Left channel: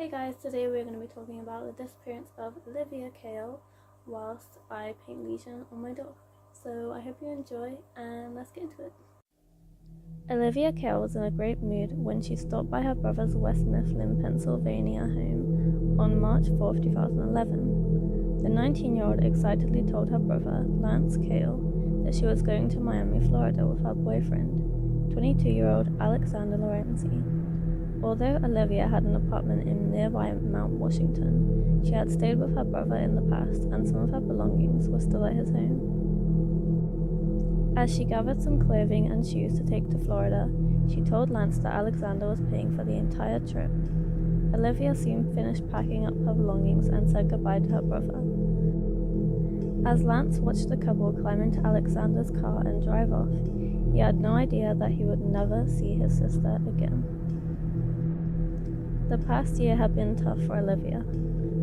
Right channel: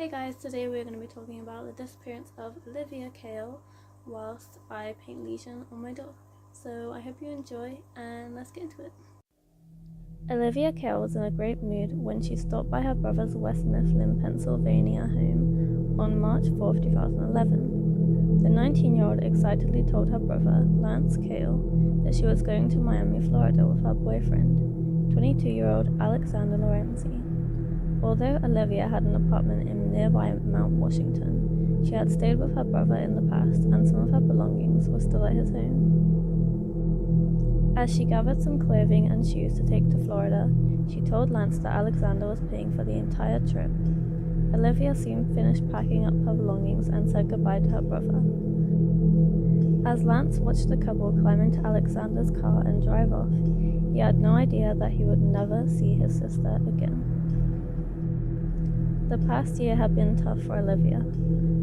Hey guys, today we're going to be talking about the disappearance of Alivia Kail whilst I paint lesion on my dog. So I hope you enjoy and let's get into it. Alivia Kail was in a great mood when she stopped by her brother's West Mifflin, Pennsylvania home on March 4, 2011. The 19-year-old excitedly told her brother, Lance Kail, that she was going to Miami, Florida with her boyfriend, 22-year-old Alexander Lorenzi. Although Alivia had an apartment in nearby Mount Washington, she had stayed with her brother in the past and some of her belongings were still at his home. As she gathered some clothing and shoes to take to Florida, she told Lance that Alexander was paying for the entire trip. Alivia soon finished packing up her belongings and said goodbye to her brother. As Lance watched the couple climb into Alexander's car and drive off, he had no idea that he would never see his sister again. The past year had been tough for Alivia.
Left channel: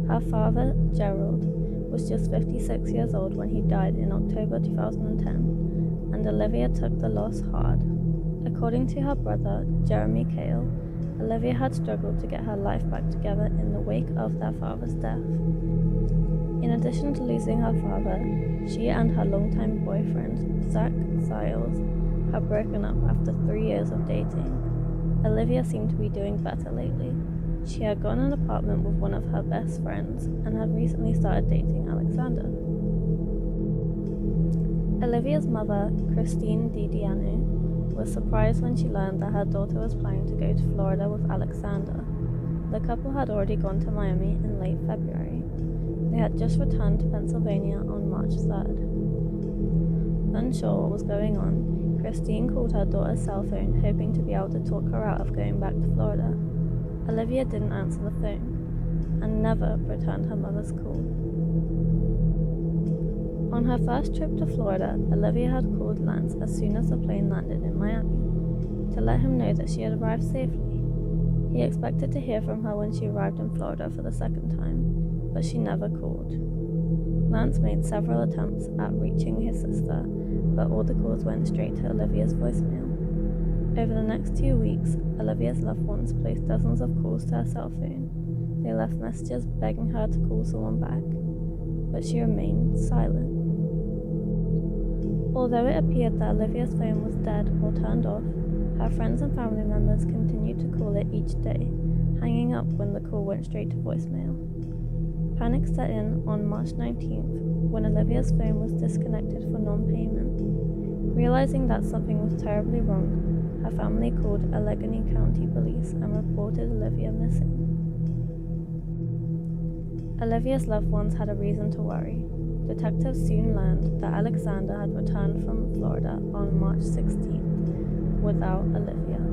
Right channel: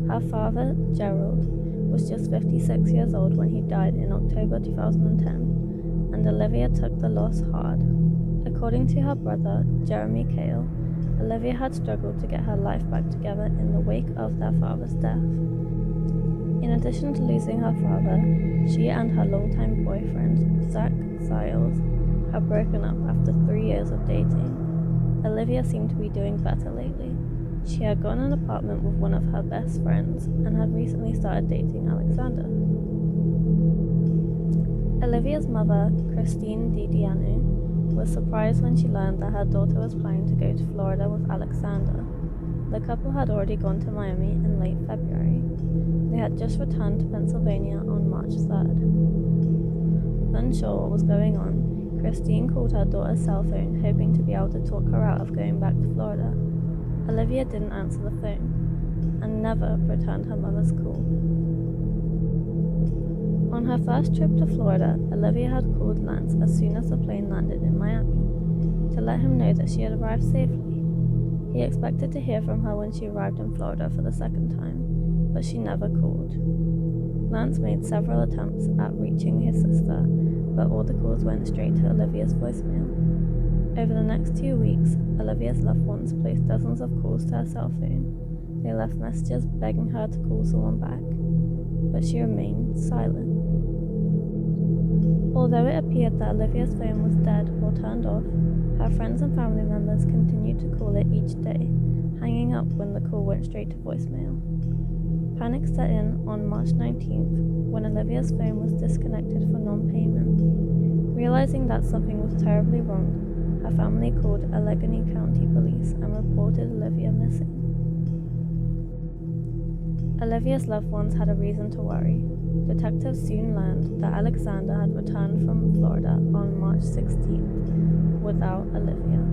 Her father, Gerald, was just 56 years old when he died in October 2010, and Alivia took the loss hard. According to her brother, Jeremy Kail, Alivia had struggled to get her life back together in the wake of their father's death. In addition to losing her father, she and her longtime boyfriend, Zach Siles, had broken up after 3 years of dating. Alivia seemed to be doing better lately. She had gotten an apartment with one of her best friends and had recently started dating Alexander. Olivia's mother, Christine DiDiano, was surprised when she learned that her daughter was planning to go to Florida with Alexander. The couple had already gone to Miami in late February. They had just returned to Pennsylvania on March 3rd. Unsure what was going on, Christine called her daughter's cell phone, hoping to be able to talk her out of going back to Florida. Alivia didn't answer the phone, and never returned her mother's call. On her first trip to Florida, Alivia had called Lance as soon as the plane landed in Miami, to let him know that she had arrived safely. He expected to hear from her when she arrived in Florida for the second time, but she never called. Lance made several attempts at reaching his sister, but all the calls went straight to Olivia's voicemail. Over the next 2 weeks, Olivia's loved ones placed dozens of calls to her cell phone. They left messages begging her to call someone back, but she remained silent. Although it appeared that Olivia's phone was dead or turned off, her friends and family members continued to call it each day, hanging up when the call went straight to voicemail. Panic set in on March 19th when Olivia's phone was disconnected for non-payment. Realizing that something was terribly wrong, her family called Allegheny County Police and reported Alivia missing. Olivia's loved ones had a reason to worry. Detectives soon learned that Alexander had returned from Florida on March 16th without Alivia.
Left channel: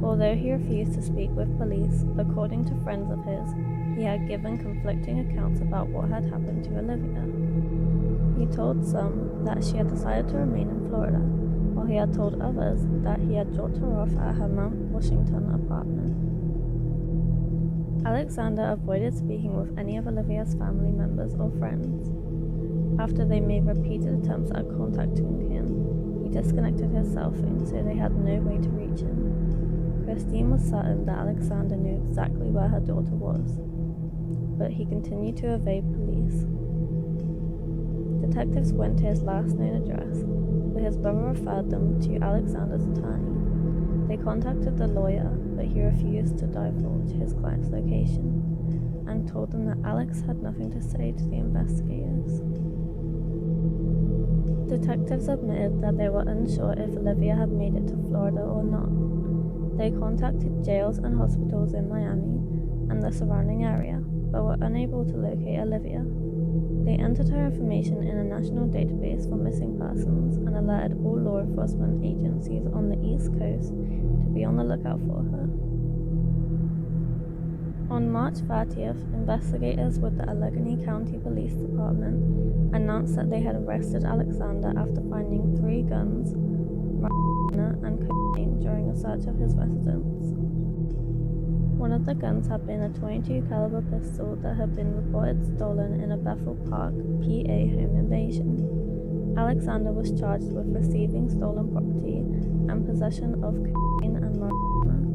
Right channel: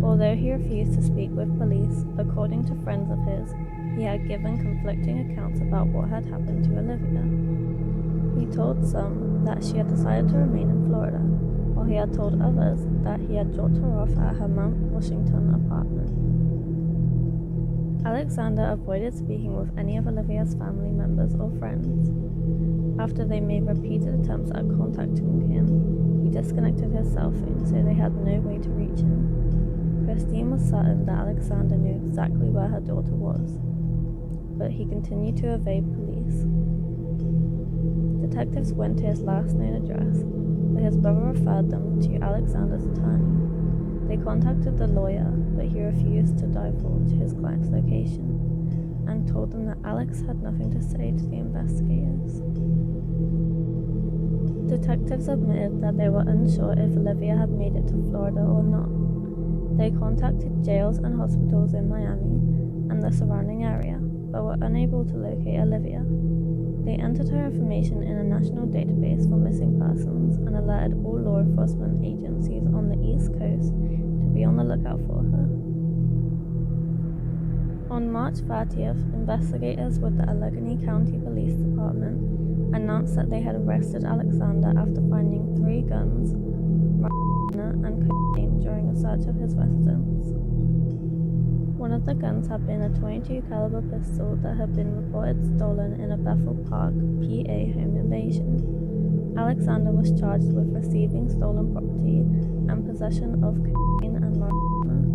Although he refused to speak with police, according to friends of his, he had given conflicting accounts about what had happened to Alivia. He told some that she had decided to remain in Florida, while he had told others that he had dropped her off at her Mount Washington apartment. Alexander avoided speaking with any of Olivia's family members or friends. After they made repeated attempts at contacting him, he disconnected his cell phone so they had no way to reach him. Christine was certain that Alexander knew exactly where her daughter was, but he continued to evade police. Detectives went to his last known address, but his brother referred them to Alexander's attorney. They contacted the lawyer, but he refused to divulge his client's location and told them that Alex had nothing to say to the investigators. Detectives admitted that they were unsure if Alivia had made it to Florida or not. They contacted jails and hospitals in Miami and the surrounding area, but were unable to locate Alivia. They entered her information in a national database for missing persons and alerted all law enforcement agencies on the East Coast to be on the lookout for her. On March 30th, investigators with the Allegheny County Police Department announced that they had arrested Alexander after finding 3 guns, marijuana, and cocaine during a search of his residence. One of the guns had been a .22 caliber pistol that had been reported stolen in a Bethel Park, PA home invasion. Alexander was charged with receiving stolen property and possession of cocaine and marijuana.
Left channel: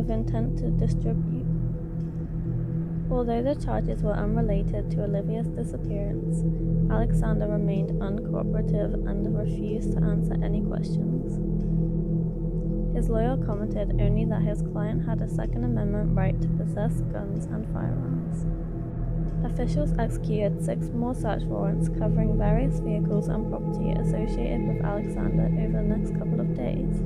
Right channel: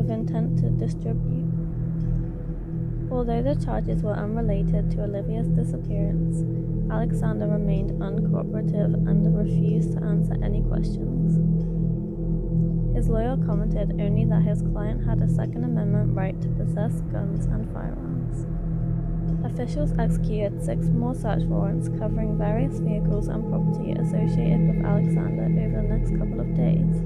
with intent to distribute. Although the charges were unrelated to Olivia's disappearance, Alexander remained uncooperative and refused to answer any questions. His lawyer commented only that his client had a Second Amendment right to possess guns and firearms. Officials executed 6 more search warrants covering various vehicles and property associated with Alexander over the next couple of days.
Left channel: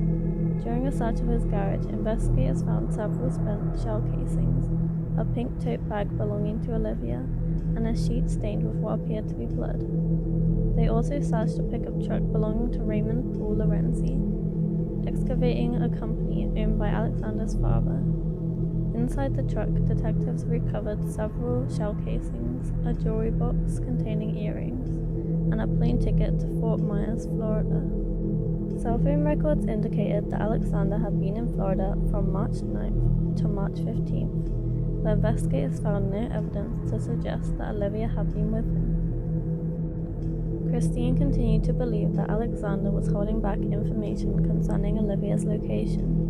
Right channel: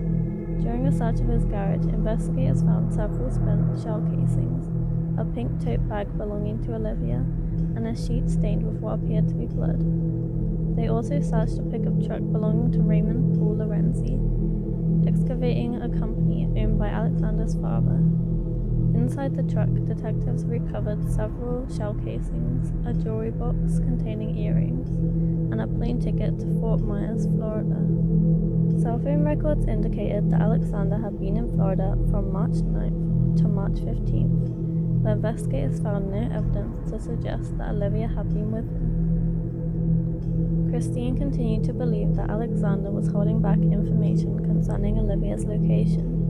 During a search of his garage, investigators found several spent shell casings, a pink tote bag belonging to Alivia, and a sheet stained with what appeared to be blood. They also searched a pickup truck belonging to Raymond Paul Lorenzi, excavating a company owned by Alexander's father. Inside the truck, detectives recovered several shell casings, a jewelry box containing earrings, and a plane ticket to Fort Myers, Florida. Cell phone records indicated that Alexander had been in Florida from March 9th to March 15th, but investigators found no evidence to suggest that Alivia had been with him. Christine continued to believe that Alexander was holding back information concerning Olivia's location.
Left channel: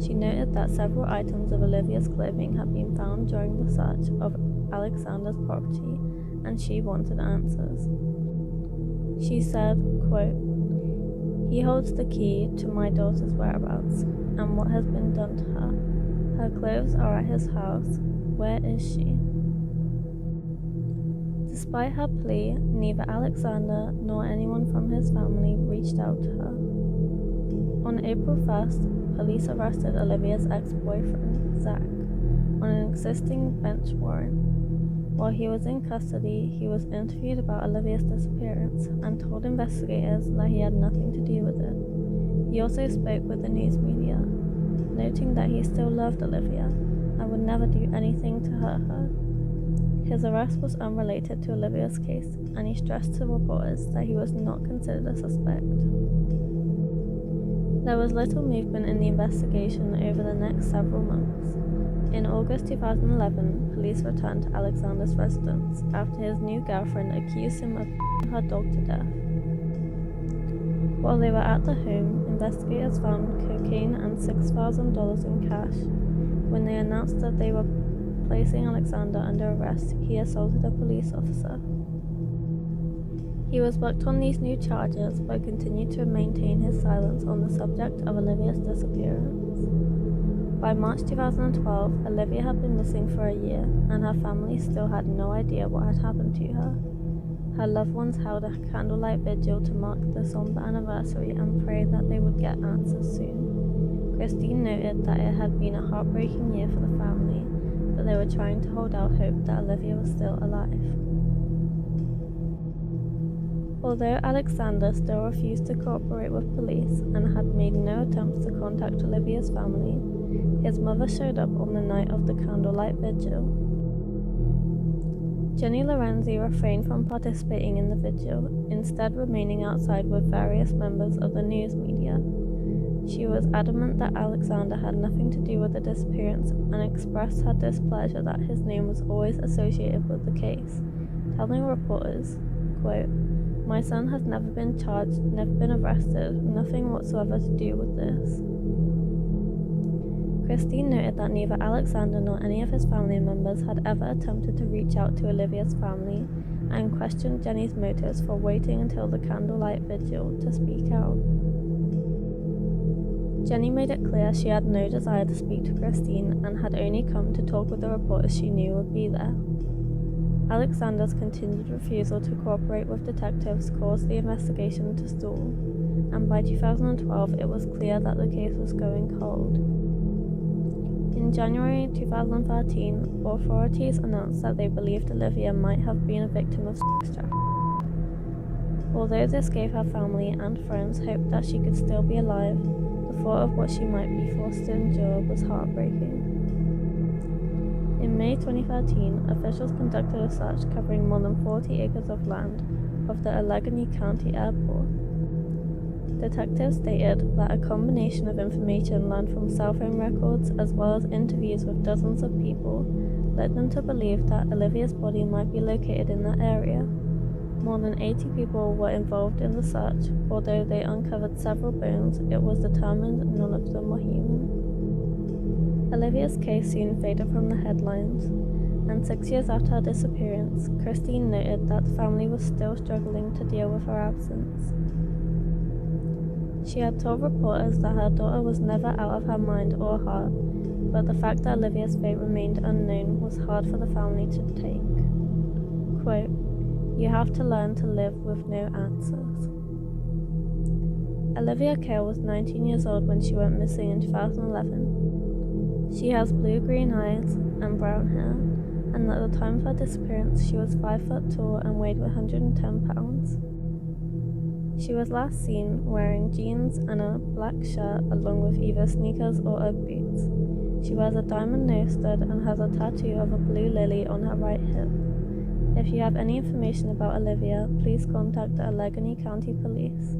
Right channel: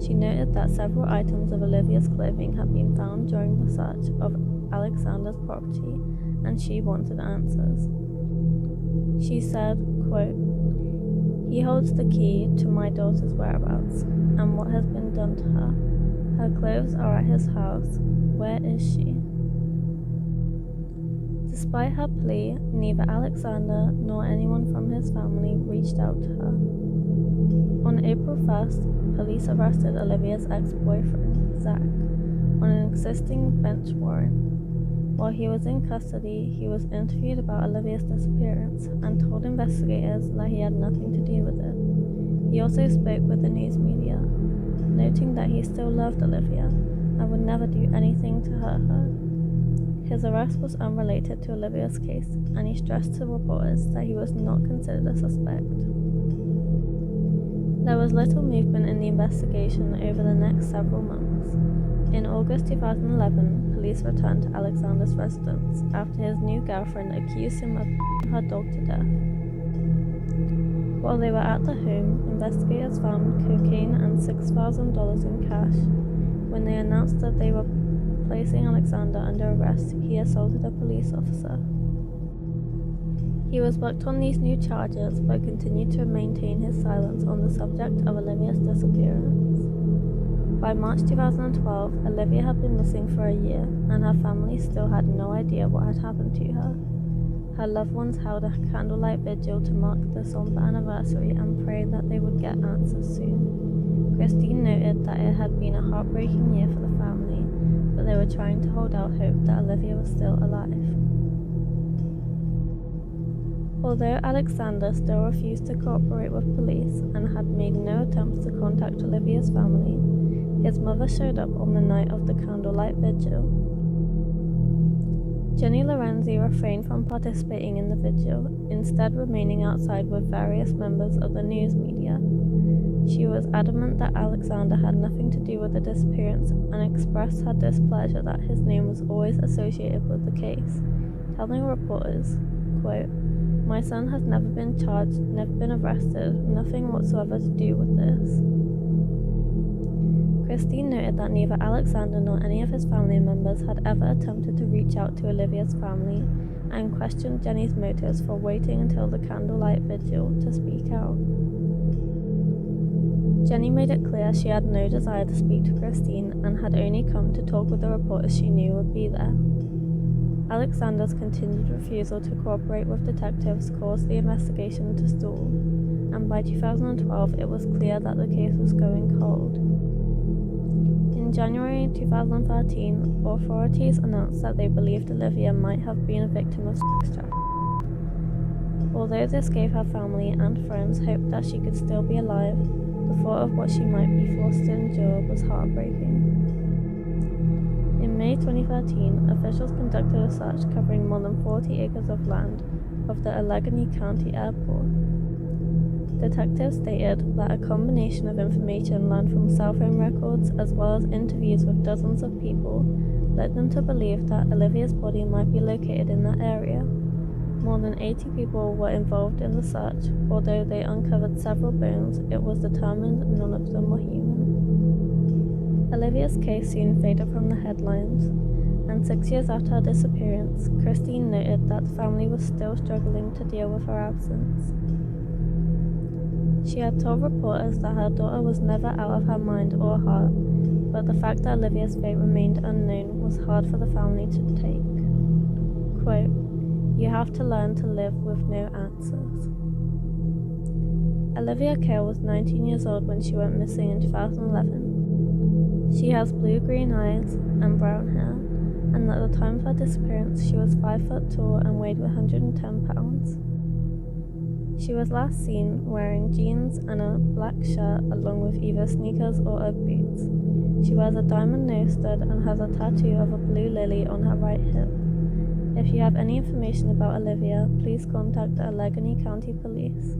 She noted that several items of Olivia's clothing had been found during the search of Alexander's property, and she wanted answers. She said, quote, "He holds the key to my daughter's whereabouts and what has been done to her. Her clothes are at his house. Where is she?" Despite her plea, neither Alexander nor anyone from his family reached out to her. On April 1st, police arrested Olivia's ex-boyfriend, Zach, on an existing bench warrant. While he was in custody, he was interviewed about Olivia's disappearance and told investigators that he had nothing to do with it. He also spoke with the news media, noting that he still loved Alivia and would never do anything to hurt her. His arrest was unrelated to Olivia's case, and he stressed to reporters that he was not considered a suspect. There was little movement in the investigation over the next several months. In August 2011, police returned to Alexander's residence after his new girlfriend accused him of her dog to death. While they were at the home, investigators found cocaine and $6,000 in cash. When they announced that they were placing Alexander under arrest, he assaulted a police officer. He was booked on these new charges but continued to maintain his silence on the subject of Olivia's disappearance. By March 2012, Alivia had been missing for a year, and her family still had no idea what had happened to her. Her loved ones held a candlelight vigil to mark the somber anniversary and prayed that they would get answers soon. Christine noted that it had been a heartbreaking year for the family, but they were trying to hold out hope that Alivia was still alive. Although Alexander still refused to cooperate with police and had made no attempts to contact Olivia's family, his mother showed up on the night of the candlelight vigil. Jenny Lorenzi refrained from participating in the vigil, instead remaining outside with various members of the news media. She was adamant that Alexander had nothing to do with the disappearance and expressed her displeasure that his name was always associated with the case, telling reporters, quote, "My son has never been charged, never been arrested, nothing whatsoever to do with this." Christine noted that neither Alexander nor any of his family members had ever attempted to reach out to Olivia's family, and questioned Jenny's motives for waiting until the candlelight vigil to speak out. Jenny made it clear she had no desire to speak to Christine and had only come to talk with the reporters she knew would be there. Alexander's continued refusal to cooperate with detectives caused the investigation to stall, and by 2012 it was clear that the case was going cold. In January 2013, authorities announced that they believed Alivia might have been a victim of sex trafficking. Although this gave her family and friends hope that she could still be alive, the thought of what she might be forced to endure was heartbreaking. In May 2013, officials conducted a search covering more than 40 acres of land of the Allegheny County Airport. Detectives stated that a combination of information learned from cell phone records as well as interviews with dozens of people led them to believe that Olivia's body might be located in that area. More than 80 people were involved in the search. Although they uncovered several bones, it was determined none of them were human. Olivia's case soon faded from the headlines, and 6 years after her disappearance, Christine noted that the family was still struggling to deal with her absence. She had told reporters that her daughter was never out of her mind or heart, but the fact that Olivia's fate remained unknown was hard for the family to take. Quote, "You have to learn to live with no answers." Alivia Kail was 19 years old when she went missing in 2011. She has blue-green eyes and brown hair, and at the time of her disappearance she was 5 foot tall and weighed 110 pounds. She was last seen wearing jeans and a black shirt along with either sneakers or Ugg boots. She wears a diamond nose stud and has a tattoo of a blue lily on her right hip. If you have any information about Alivia, please contact the Allegheny County Police.